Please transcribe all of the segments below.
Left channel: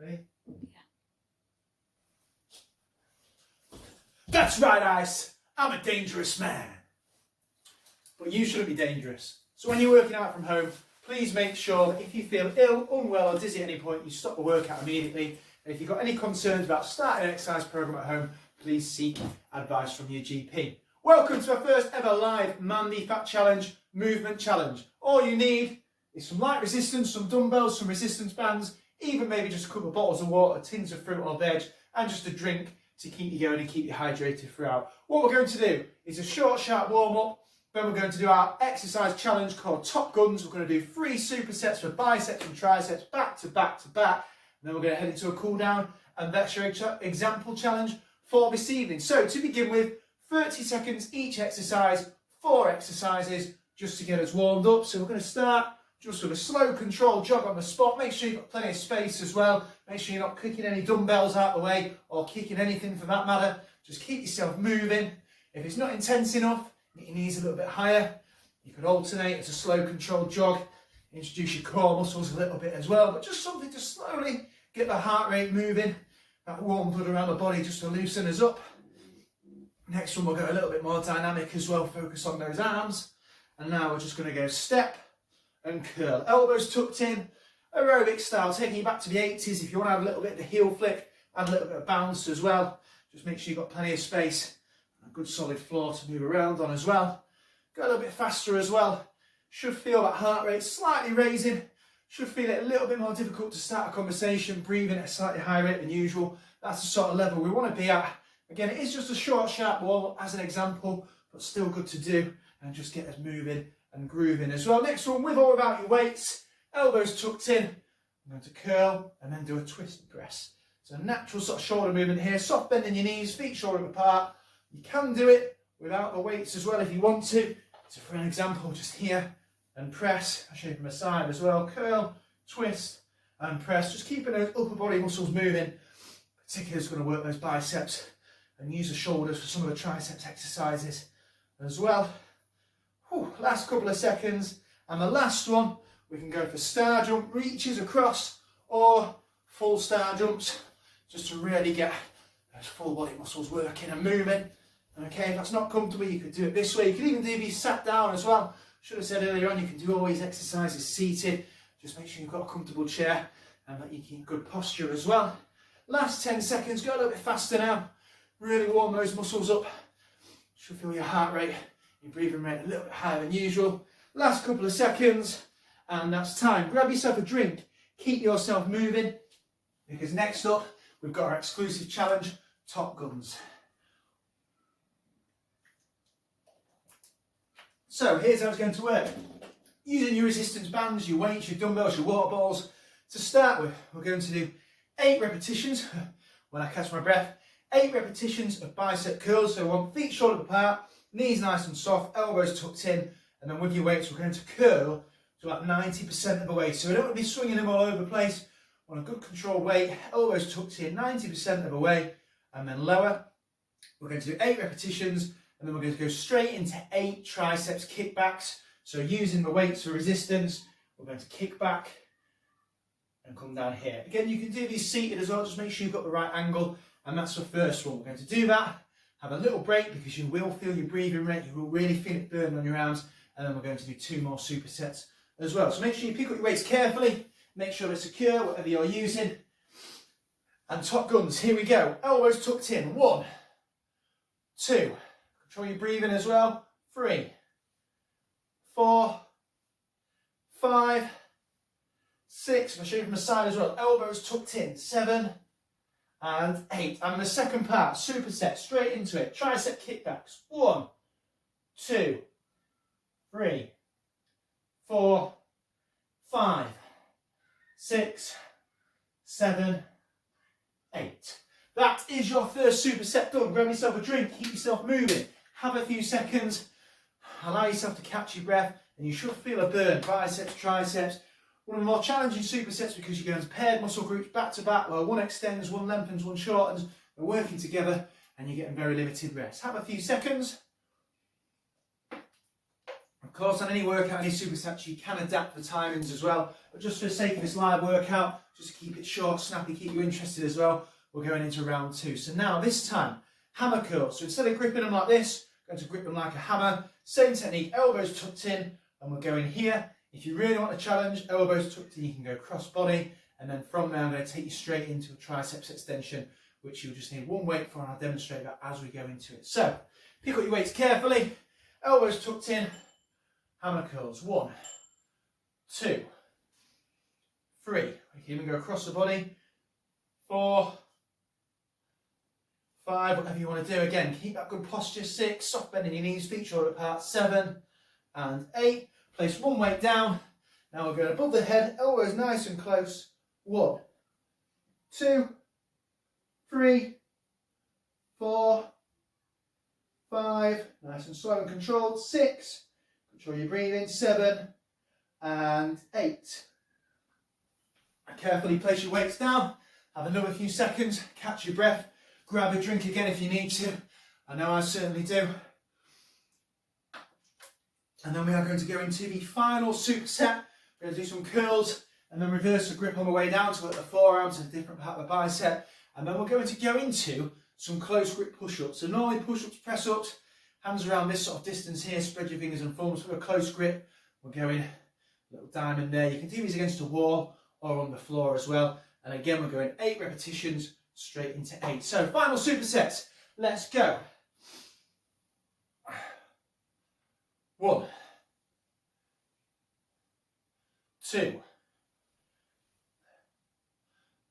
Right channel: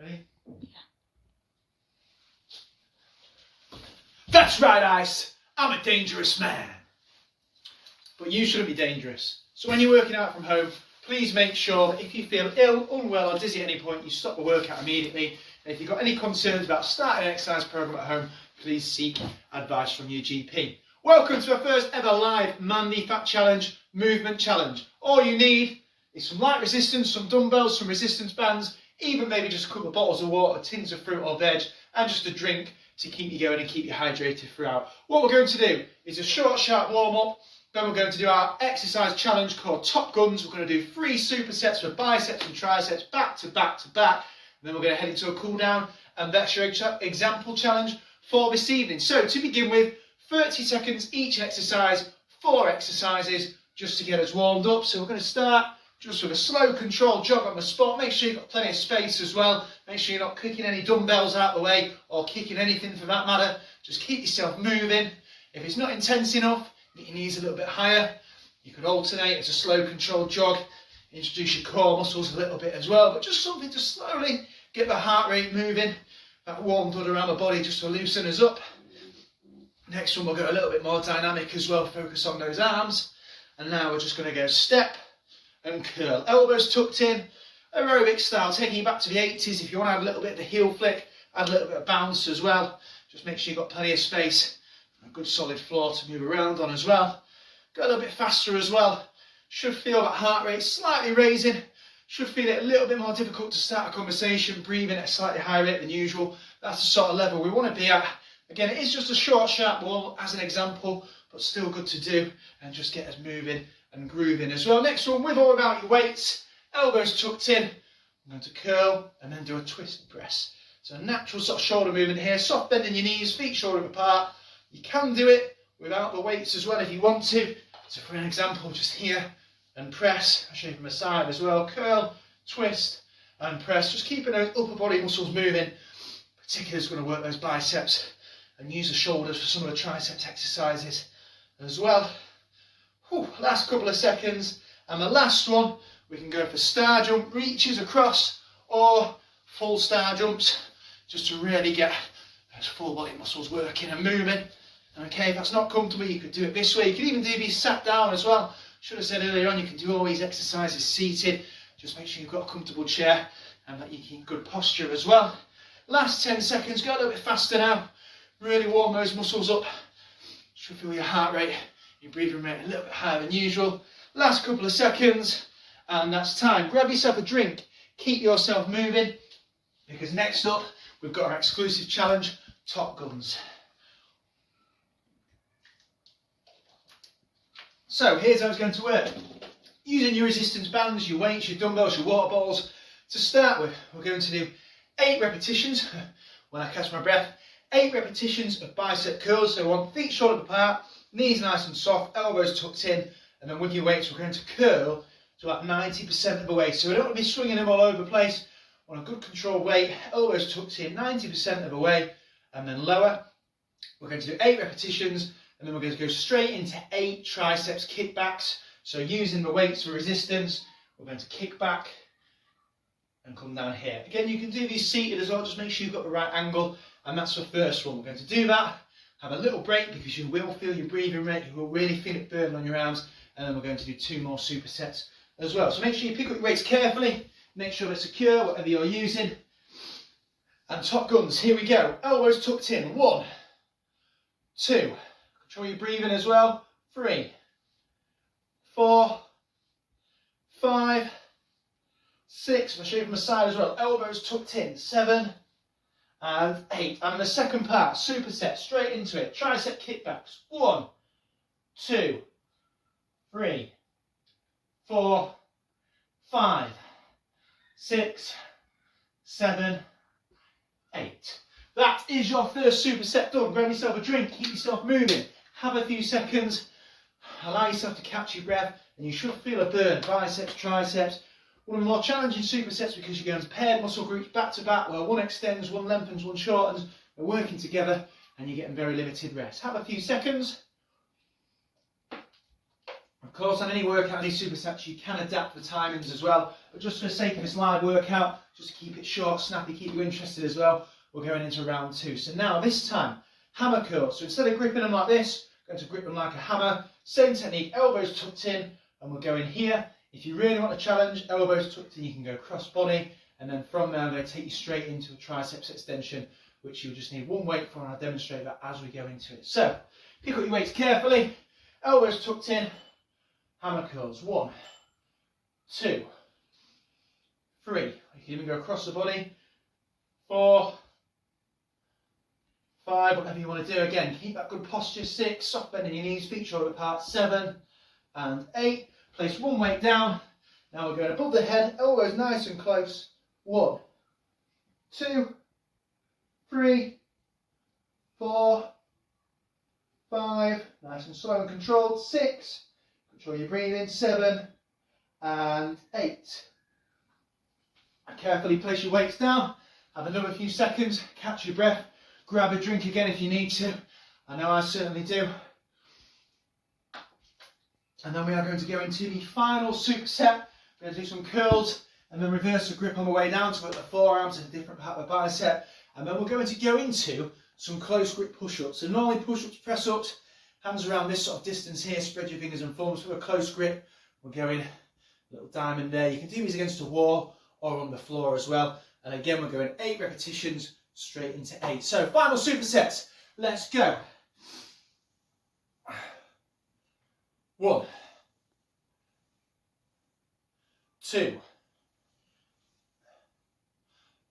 Ready? Yeah. That's right, Ice. I'm a dangerous man. But you shouldn't be dangerous. So when you're working out from home, please make sure that if you feel ill, unwell or dizzy at any point, you stop the workout immediately. And if you've got any concerns about starting an exercise program at home, please seek advice from your GP. Welcome to our first ever live Mandy Fat Challenge movement challenge. All you need is some light resistance, some dumbbells, some resistance bands, even maybe just a couple of bottles of water, tins of fruit or veg, and just a drink to keep you going and keep you hydrated throughout. What we're going to do is a short, sharp warm-up. Then we're going to do our exercise challenge called Top Guns. We're going to do 3 supersets for biceps and triceps, back to back to back. And then we're going to head into a cool down, and that's your example challenge for this evening. So to begin with, 30 seconds each exercise, 4 exercises just to get us warmed up. So we're going to start just with a slow controlled jog on the spot. Make sure you've got plenty of space as well. Make sure you're not kicking any dumbbells out of the way or kicking anything for that matter. Just keep yourself moving. If it's not intense enough, get your knees a little bit higher. You could alternate as a slow controlled jog. Introduce your core muscles a little bit as well, but just something to slowly get the heart rate moving. That warm blood around the body just to loosen us up. Next one, we'll go a little bit more dynamic as well. Focus on those arms. And now we're just going to go step and curl. Elbows tucked in, aerobic style, taking you back to the 80s. If you want to add a little bit of the heel flick, add a little bit of bounce as well. Just make sure you've got plenty of space. A good solid floor to move around on as well. Go a little bit faster as well. Should feel that heart rate slightly raising. Should feel it a little bit more difficult to start a conversation, breathing at a slightly higher rate than usual. That's the sort of level we want to be at. Again, it is just a short, sharp warm-up as an example, but still good to do and just get us moving and grooving as well. Next one, with or without your weights, elbows tucked in. I'm going to curl and then do a twist press. So a natural sort of shoulder movement here, soft bend in your knees, feet shoulder apart. You can do it without the weights as well if you want to. So for an example, just here and press. I'll show you from the side as well. Curl, twist and press. Just keeping those upper body muscles moving. Particularly is going to work those biceps and use the shoulders for some of the triceps exercises as well. Whew, last couple of seconds. And the last one, we can go for star jump, reaches across, or full star jumps, just to really get those full body muscles working and moving. Okay, if that's not comfortable, you could do it this way. You can even do these sat down as well. Should have said earlier on, you can do all these exercises seated. Just make sure you've got a comfortable chair and that you keep good posture as well. Last 10 seconds, go a little bit faster now. Really warm those muscles up. Should feel your heart rate, your breathing rate a little bit higher than usual. Last couple of seconds, and that's time. Grab yourself a drink, keep yourself moving, because next up, we've got our exclusive challenge, Top Guns. So here's how it's going to work. Using your resistance bands, your weights, your dumbbells, your water bottles. To start with, we're going to do 8 repetitions, when I catch my breath, 8 repetitions of bicep curls. So we want feet shoulder apart, knees nice and soft, elbows tucked in, and then with your weights, we're going to curl to about 90% of the weight. So we don't want to be swinging them all over the place. On a good controlled weight, elbows tucked in 90% of the way, and then lower. We're going to do 8 repetitions, and then we're going to go straight into 8 triceps kickbacks. So using the weights for resistance, we're going to kick back and come down here. Again, you can do these seated as well, just make sure you've got the right angle, and that's the first one. We're going to do that, have a little break because you will feel your breathing rate, you will really feel it burn on your arms, and then we're going to do 2 more supersets as well. So make sure you pick up your weights carefully, make sure they're secure, whatever you're using. And Top Guns, here we go. Elbows tucked in, 1, 2, control your breathing as well, 3, 4, 5, 6, I'll show you from the side as well, elbows tucked in, 7, and 8. And in the second part, superset, straight into it, tricep kickbacks, 1, 2, 3, 4, 5, 6, 7, 8. That is your first superset done. Grab yourself a drink, keep yourself moving, have a few seconds, allow yourself to catch your breath, and you should feel a burn, biceps, triceps. One of the more challenging supersets because you're going paired muscle groups back to back, where one extends, one lengthens, one shortens. We're working together and you're getting very limited rest. Have a few seconds. Of course, on any workout, any supersets, you can adapt the timings as well. But just for the sake of this live workout, just to keep it short, snappy, keep you interested as well, we're going into round 2. So now, this time, hammer curls. So instead of gripping them like this, I'm going to grip them like a hammer. Same technique, elbows tucked in, and we'll go in here. If you really want a challenge, elbows tucked in, you can go cross body. And then from there, I'm going to take you straight into a triceps extension, which you'll just need one weight for, and I'll demonstrate that as we go into it. So, pick up your weights carefully, elbows tucked in, hammer curls. 1, 2, 3. You can even go across the body. 4, 5, whatever you want to do. Again, keep that good posture. 6, soft bend in your knees, feet shoulder apart. 7 and 8. Place one weight down. Now we're going above the head, elbows nice and close. 1, 2, 3, 4, 5. Nice and slow and controlled. 6. Control your breathing. 7 and 8. Carefully place your weights down. Have another few seconds. Catch your breath. Grab a drink again if you need to. I know I certainly do. And then we are going to go into the final superset. We're going to do some curls and then reverse the grip on the way down to work the forearms and a different part of the bicep. And then we're going to go into some close grip push-ups. So normally push-ups, press-ups, hands around this sort of distance here, spread your fingers and thumbs for a close grip. We're going a little diamond there. You can do these against a wall or on the floor as well. And again, we're going 8 repetitions straight into 8. So final supersets. Let's go. 1, 2,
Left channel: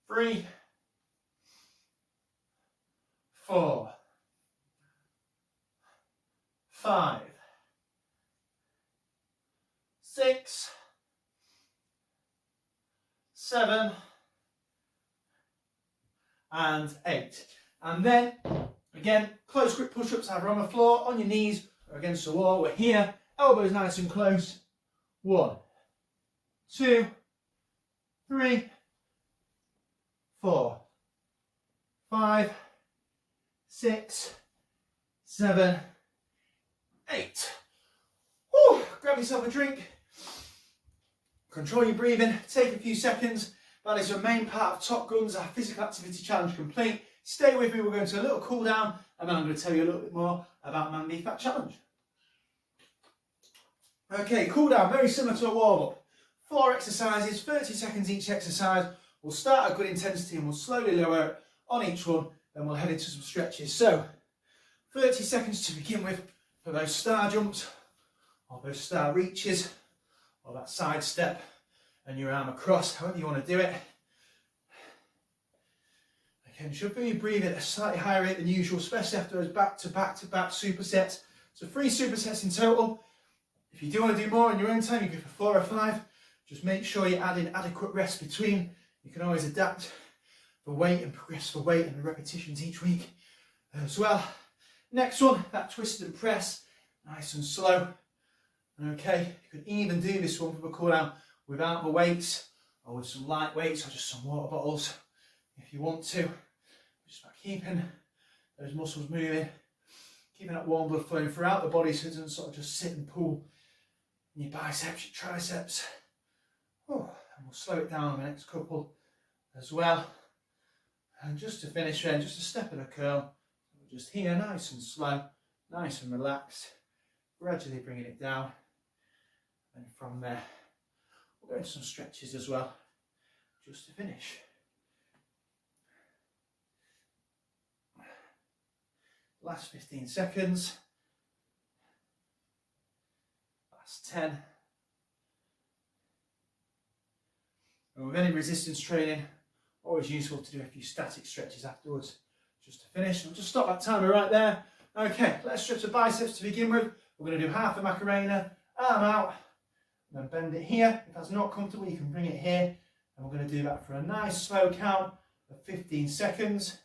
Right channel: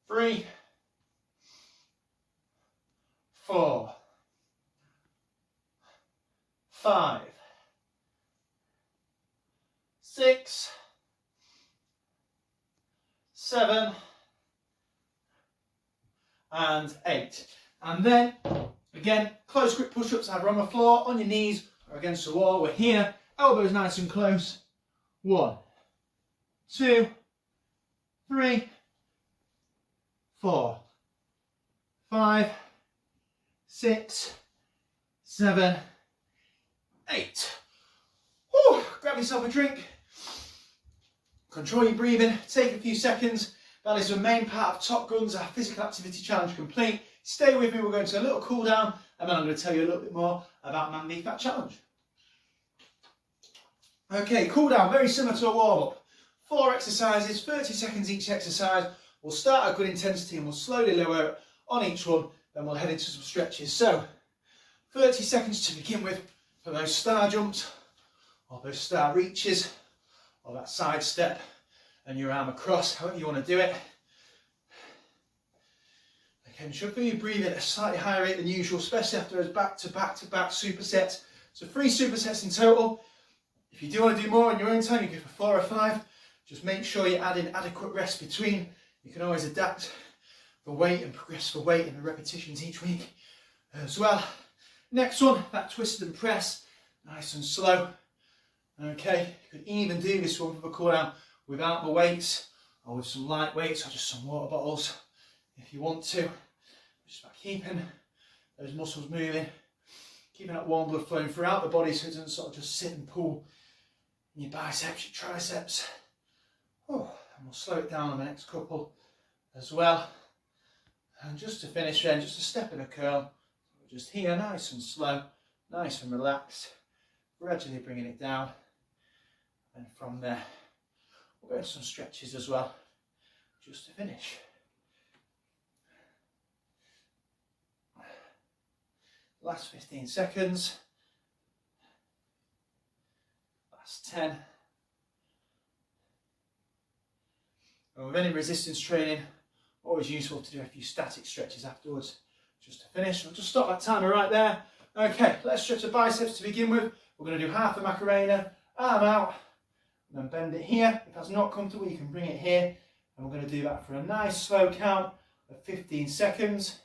3, 4, 5, 6, 7 and 8. And then again, close grip push-ups either on the floor, on your knees or against the wall. We're here, elbows nice and close. 1, 2, 3, 4, 5, 6, 7, 8. Whew. Grab yourself a drink. Control your breathing. Take a few seconds. That is the main part of Top Guns, our physical activity challenge complete. Stay with me. We're going to a little cool down, and then I'm going to tell you a little bit more about Man v Fat Challenge. Okay, cool down. Very similar to a warm up. 4 exercises, 30 seconds each exercise. We'll start at good intensity and we'll slowly lower it on each one. Then we'll head into some stretches. So, 30 seconds to begin with for those star jumps, or those star reaches, or that side step and your arm across, however you want to do it. Okay, you should feel you breathe at a slightly higher rate than usual, especially after those back to back supersets. So 3 supersets in total. If you do want to do more in your own time, you go for 4 or 5. Just make sure you add in adequate rest between. You can always adapt the weight and progress the weight and the repetitions each week as well. Next one, that twisted and press, nice and slow. Okay, you could even do this one for the cool down without the weights, or with some light weights, or just some water bottles if you want to. Just about keeping those muscles moving, keeping that warm blood flowing throughout the body so it doesn't sort of just sit and pool in your biceps, your triceps. Oh, and we'll slow it down on the next couple as well. And just to finish then, just a step and a curl. Just here, nice and slow, nice and relaxed. Gradually bringing it down. And from there, we'll go into some stretches as well, just to finish. Last 15 seconds. Last 10. And with any resistance training, always useful to do a few static stretches afterwards, just to finish. We'll just stop that timer right there. Okay, let's stretch the biceps to begin with. We're going to do half a Macarena, arm out, and then bend it here. If that's not comfortable, you can bring it here. And we're going to do that for a nice slow count of 15 seconds.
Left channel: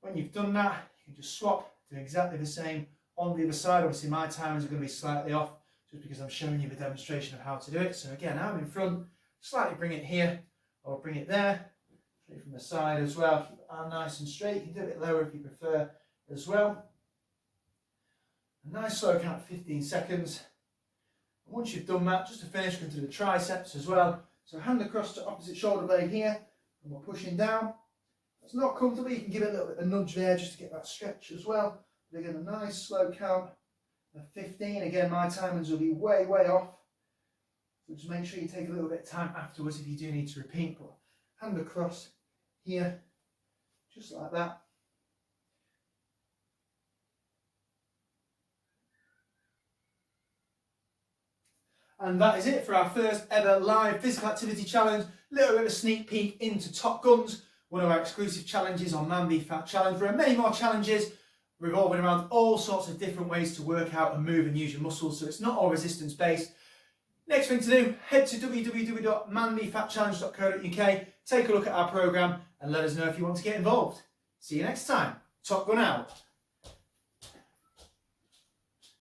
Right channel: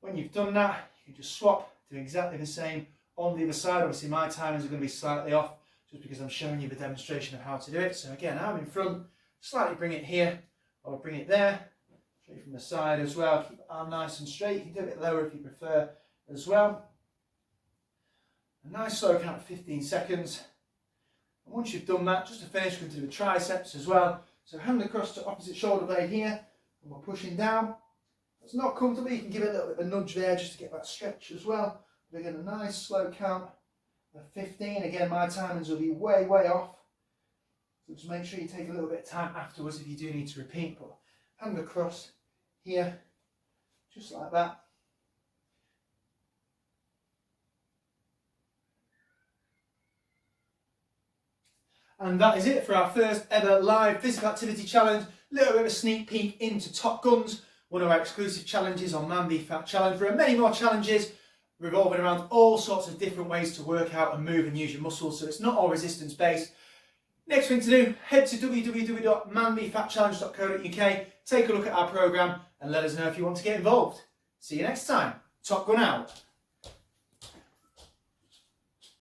When you've done that, you can just swap, do exactly the same on the other side. Obviously my timings are going to be slightly off, just because I'm showing you the demonstration of how to do it. So again, arm in front, slightly bring it here, or bring it there. Straight from the side as well. Keep the arm nice and straight. You can do it a bit lower if you prefer as well. A nice slow count of 15 seconds. And once you've done that, just to finish, we're going to do the triceps as well. So hand across to opposite shoulder blade here, and we're pushing down. If it's not comfortable, you can give it a little bit of a nudge there just to get that stretch as well. But again, a nice slow count of 15. Again, my timings will be way, way off. So just make sure you take a little bit of time afterwards if you do need to repeat. But hand across here, just like that. And that is it for our first ever live physical activity challenge. Little bit of a sneak peek into Top Guns, one of our exclusive challenges on Man v Fat Challenge. There are many more challenges revolving around all sorts of different ways to work out and move and use your muscles, so it's not all resistance based. Next thing to do, head to www.manvfatchallenge.co.uk, take a look at our programme and let us know if you want to get involved. See you next time. Top Gun out.